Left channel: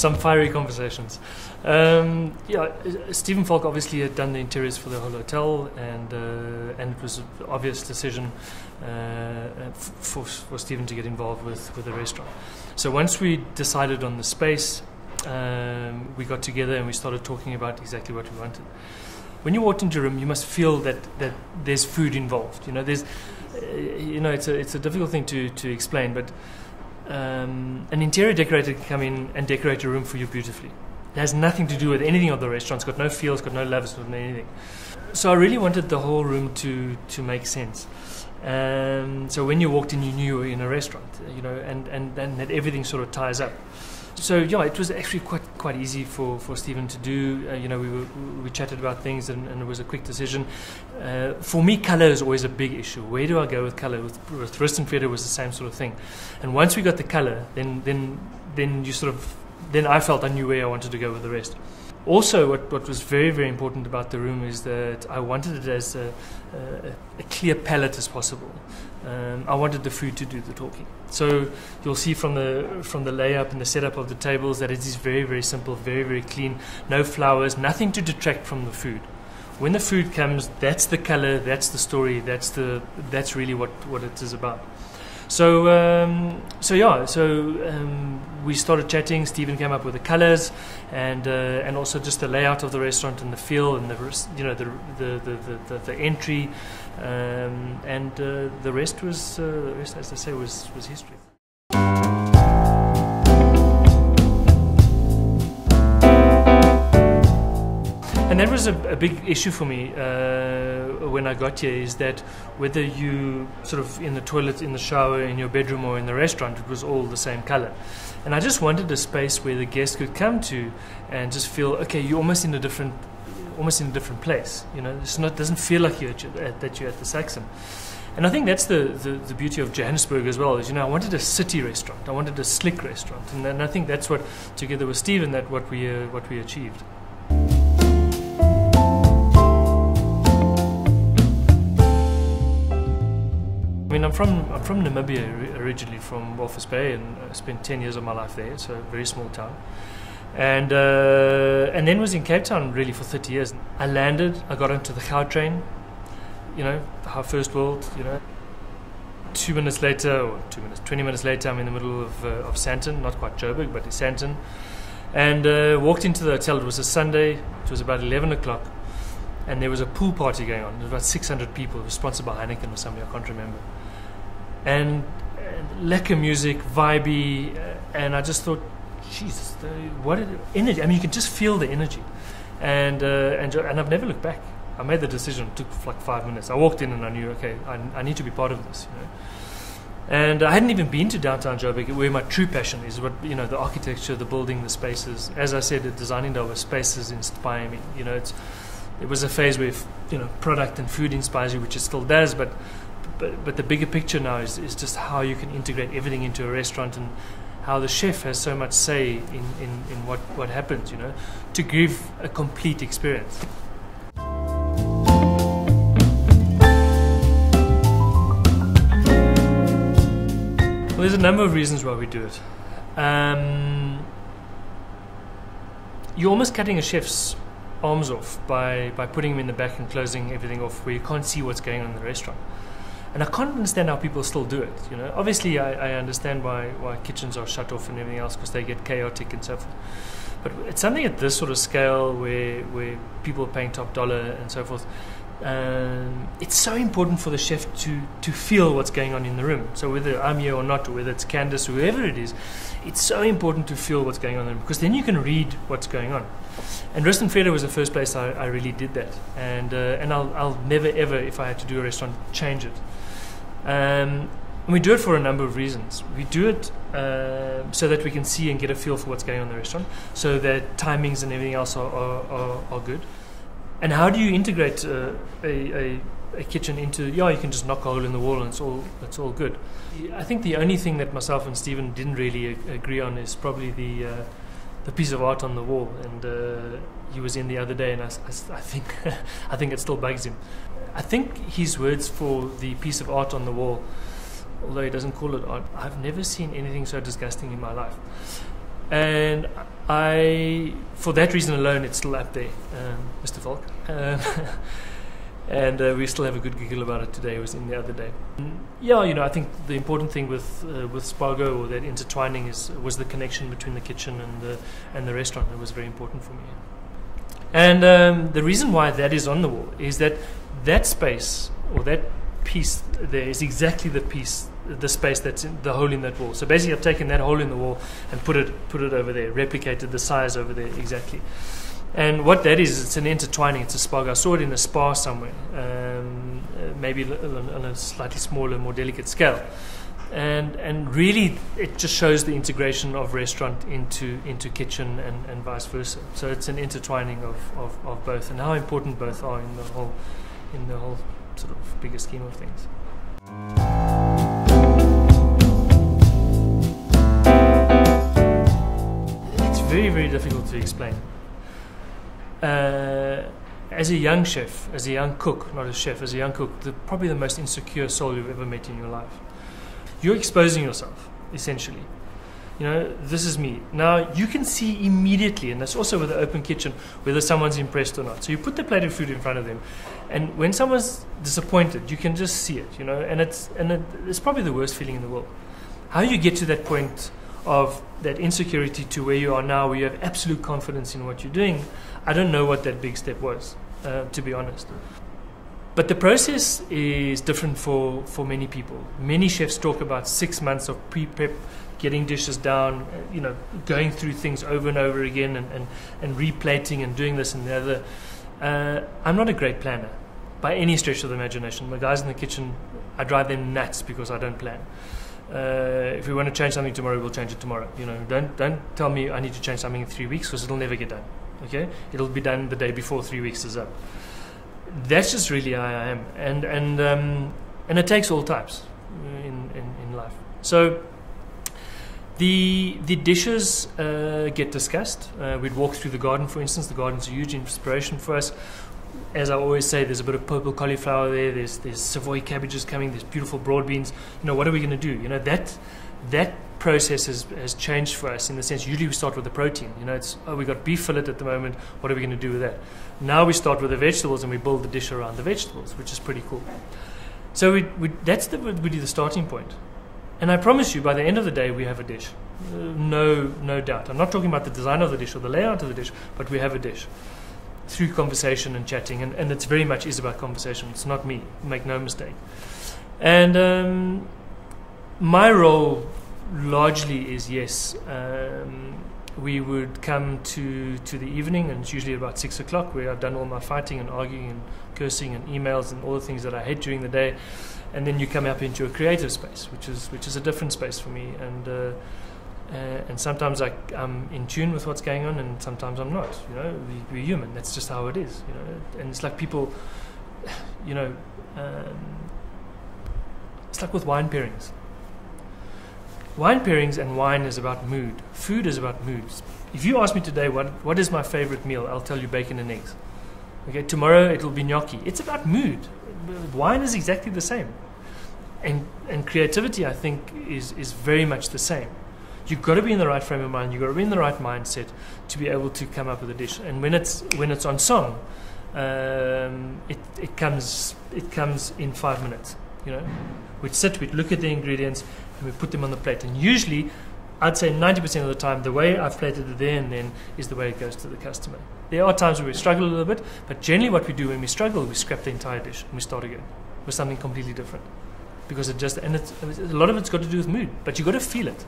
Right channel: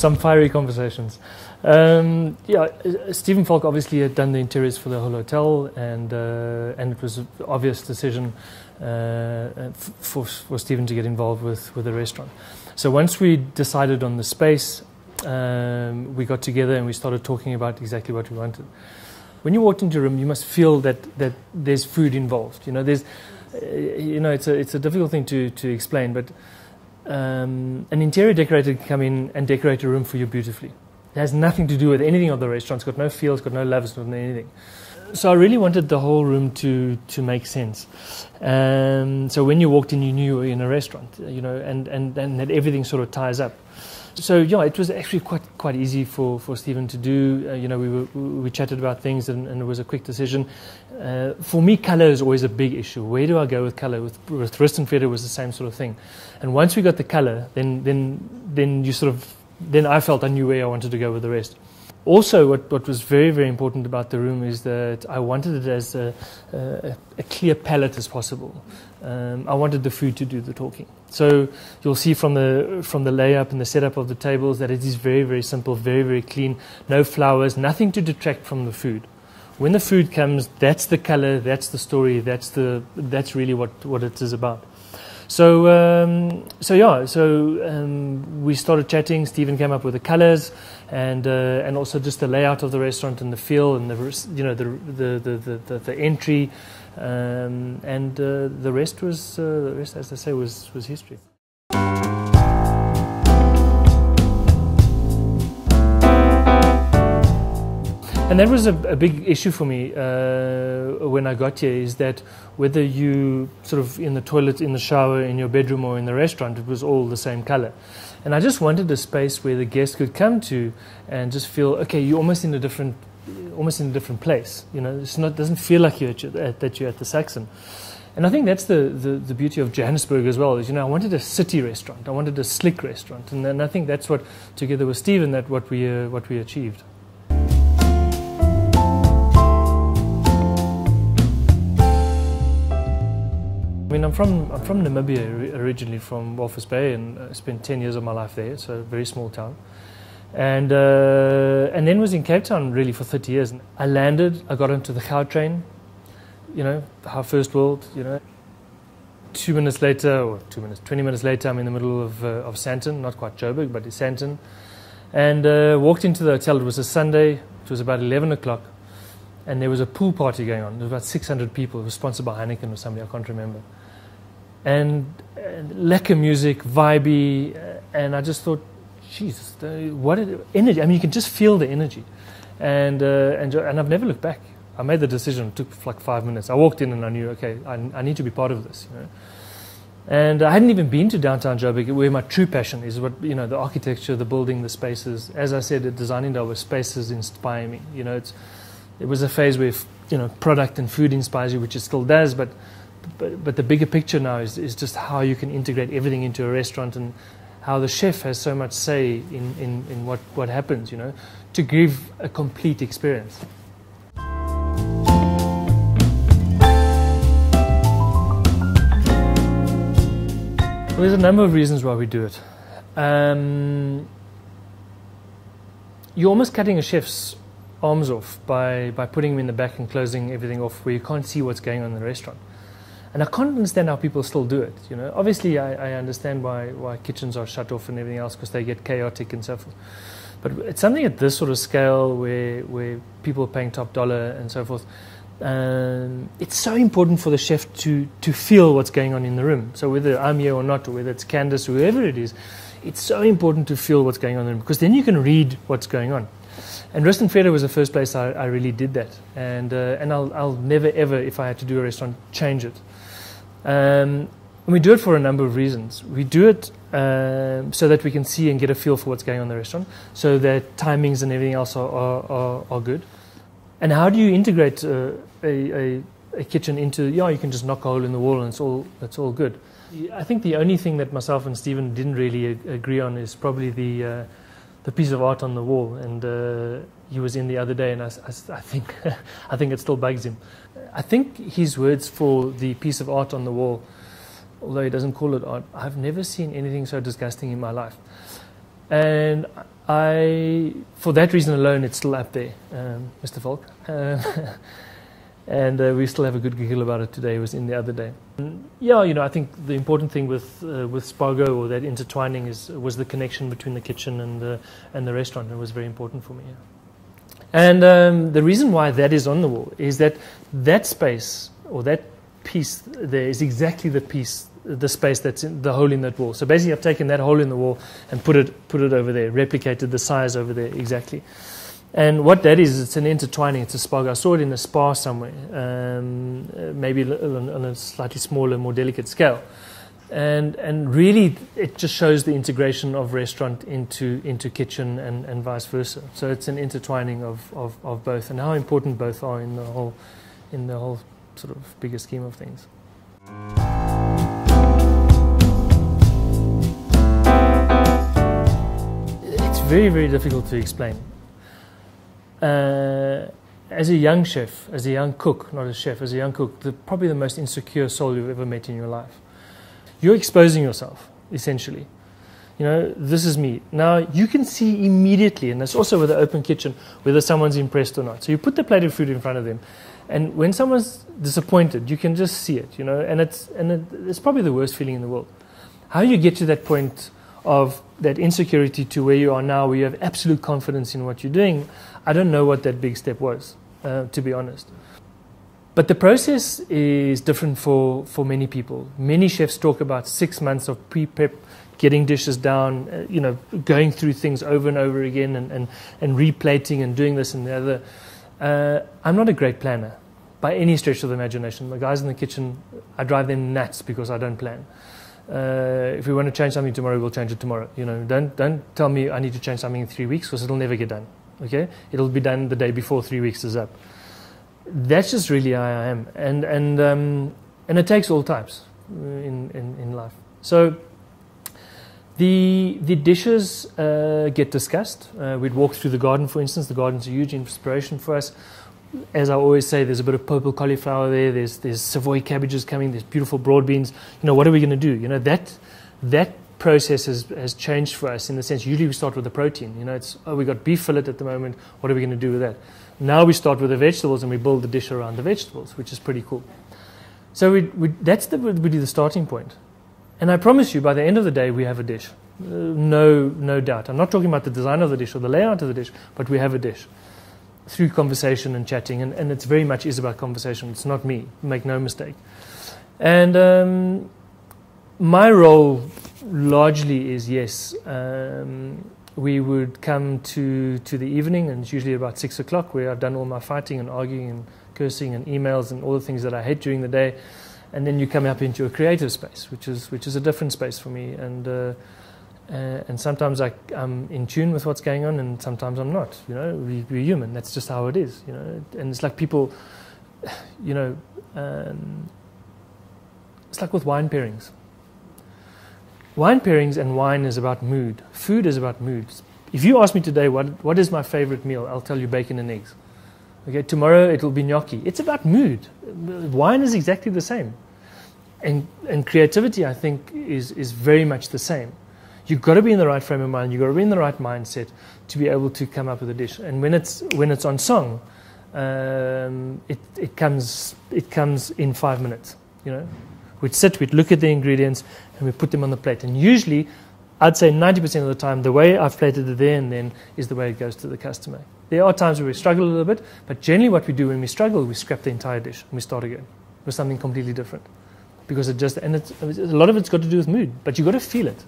some fiery conversations. Stephen Falk obviously had done the interiors for the whole hotel, and it was an obvious decision for Stephen to get involved with the restaurant. So once we decided on the space, we got together and we started talking about exactly what we wanted. When you walked into a room, you must feel that there's food involved. It's a difficult thing to explain, but an interior decorator can come in and decorate a room for you beautifully. It has nothing to do with anything of the restaurant. It's got no feel, it's got no love, it's got no anything. So I really wanted the whole room to make sense. So when you walked in, you knew you were in a restaurant, and that everything sort of ties up. So it was actually quite easy for Stephen to do. We chatted about things, and it was a quick decision. For me, colour is always a big issue. Where do I go with colour? With Rust and Feather was the same sort of thing. And once we got the colour, then I felt I knew where I wanted to go with the rest. Also, what was very, very important about the room is that I wanted it as a clear palette as possible. I wanted the food to do the talking. So you'll see from the layup and the setup of the tables that it is very, very simple, very, very clean. No flowers, nothing to detract from the food. When the food comes, that's the color, that's the story, that's really what it is about. So we started chatting. Stephen came up with the colors and also just the layout of the restaurant and the feel and the entry, and the rest, as I say, was history. And that was a big issue for me when I got here, is that whether you sort of in the toilet, in the shower, in your bedroom or in the restaurant, it was all the same color. And I just wanted a space where the guest could come to and just feel, okay, you're almost in a different place. It doesn't feel like you're at the Saxon. And I think that's the beauty of Johannesburg as well, is I wanted a city restaurant, I wanted a slick restaurant, and I think that's what, together with Stephen, what we achieved. I mean, I'm from Namibia originally, from Walvis Bay, and I spent 10 years of my life there, so a very small town. And then was in Cape Town really for 30 years. I landed, I got into the Gautrain, our first world, 20 minutes later, I'm in the middle of Sandton, not quite Joburg, but in Sandton. And walked into the hotel. It was a Sunday, it was about 11 o'clock. And there was a pool party going on. There was about 600 people. It was sponsored by Heineken or somebody, I can't remember. And lekker music, vibey, and I just thought, Jesus, what energy! I mean, you could just feel the energy, and I've never looked back. I made the decision. It took like 5 minutes. I walked in and I knew, okay, I need to be part of this. And I hadn't even been to downtown Joburg, where my true passion is. What the architecture, the building, the spaces. As I said, at Designing Day, spaces inspire me. It was a phase where product and food inspires you, which it still does, but the bigger picture now is just how you can integrate everything into a restaurant, and how the chef has so much say in what happens, to give a complete experience. Well, there's a number of reasons why we do it. You're almost cutting a chef's arms off by putting him in the back and closing everything off, where you can't see what's going on in the restaurant. And I can't understand how people still do it. Obviously I understand why kitchens are shut off and everything else, because they get chaotic and so forth. But it's something at this sort of scale where people are paying top dollar and so forth. It's so important for the chef to feel what's going on in the room. So whether I'm here or not, or whether it's Candice, whoever it is, it's so important to feel what's going on in the room, because then you can read what's going on. And Rust and Feather was the first place I really did that, and I'll never ever, if I had to do a restaurant, change it. And we do it for a number of reasons. We do it so that we can see and get a feel for what's going on in the restaurant, so that timings and everything else are good. And how do you integrate a kitchen into? You can just knock a hole in the wall and it's all good. I think the only thing that myself and Stephen didn't really agree on is probably the piece of art on the wall, and he was in the other day, and I think I think it still bugs him. I think his words for the piece of art on the wall, although he doesn't call it art, I've never seen anything so disgusting in my life. And for that reason alone, it's still up there, Mr. Volk. And we still have a good giggle about it today. It was in the other day. Yeah, I think the important thing with Spago, or that intertwining, was the connection between the kitchen and the restaurant. It was very important for me. And the reason why that is on the wall is that space, or that piece there, is exactly the space that's in the hole in that wall. So basically, I've taken that hole in the wall and put it over there, replicated the size over there exactly. And what that is, it's an intertwining. It's a Spago. I saw it in a spa somewhere, maybe on a slightly smaller, more delicate scale. And really, it just shows the integration of restaurant into kitchen and vice versa. So it's an intertwining of both, and how important both are in the whole sort of bigger scheme of things. It's very, very difficult to explain. As a young chef, as a young cook, not a chef, as a young cook, probably the most insecure soul you've ever met in your life. You're exposing yourself, essentially. This is me. Now, you can see immediately, and that's also with the open kitchen, whether someone's impressed or not. So you put the plate of food in front of them, and when someone's disappointed, you can just see it, and it's probably the worst feeling in the world. How you get to that point of that insecurity to where you are now, where you have absolute confidence in what you're doing, I don't know what that big step was, to be honest. But the process is different for many people. Many chefs talk about 6 months of pre-prep, getting dishes down, going through things over and over again, and replating and doing this and the other. I'm not a great planner by any stretch of the imagination. The guys in the kitchen, I drive them nuts because I don't plan. If we want to change something tomorrow, we'll change it tomorrow. Don't tell me I need to change something in 3 weeks, because it'll never get done. Okay, it'll be done the day before 3 weeks is up. That's just really how I am, and it takes all types in life. So the dishes get discussed. We'd walk through the garden, for instance. The garden's a huge inspiration for us. As I always say, there's a bit of purple cauliflower there. There's Savoy cabbages coming. There's beautiful broad beans. What are we going to do? That process has changed for us in the sense. Usually we start with the protein. We got beef fillet at the moment. What are we going to do with that? Now we start with the vegetables and we build the dish around the vegetables, which is pretty cool. So that's the starting point. And I promise you, by the end of the day, we have a dish. No doubt. I'm not talking about the design of the dish or the layout of the dish, but we have a dish through conversation and chatting. And it's very much is about conversation. It's not me. Make no mistake. And my role largely is, yes, we would come to the evening, and it's usually about 6 o'clock, where I've done all my fighting and arguing and cursing and emails and all the things that I hate during the day. And then you come up into a creative space, which is a different space for me. And sometimes I'm in tune with what's going on, and sometimes I'm not. We're human. That's just how it is. And it's like people, it's like with wine pairings. Wine pairings and wine is about mood. Food is about moods. If you ask me today what is my favorite meal, I'll tell you bacon and eggs. Okay, tomorrow it'll be gnocchi. It's about mood. Wine is exactly the same. And creativity, I think, is very much the same. You've got to be in the right frame of mind. You've got to be in the right mindset to be able to come up with a dish. And when it's on song, it comes in 5 minutes. We'd sit, we'd look at the ingredients, and we put them on the plate. And usually, I'd say 90% of the time, the way I've plated it there and then is the way it goes to the customer. There are times where we struggle a little bit, but generally what we do when we struggle, we scrap the entire dish and we start again with something completely different. Because a lot of it's got to do with mood, but you've got to feel it.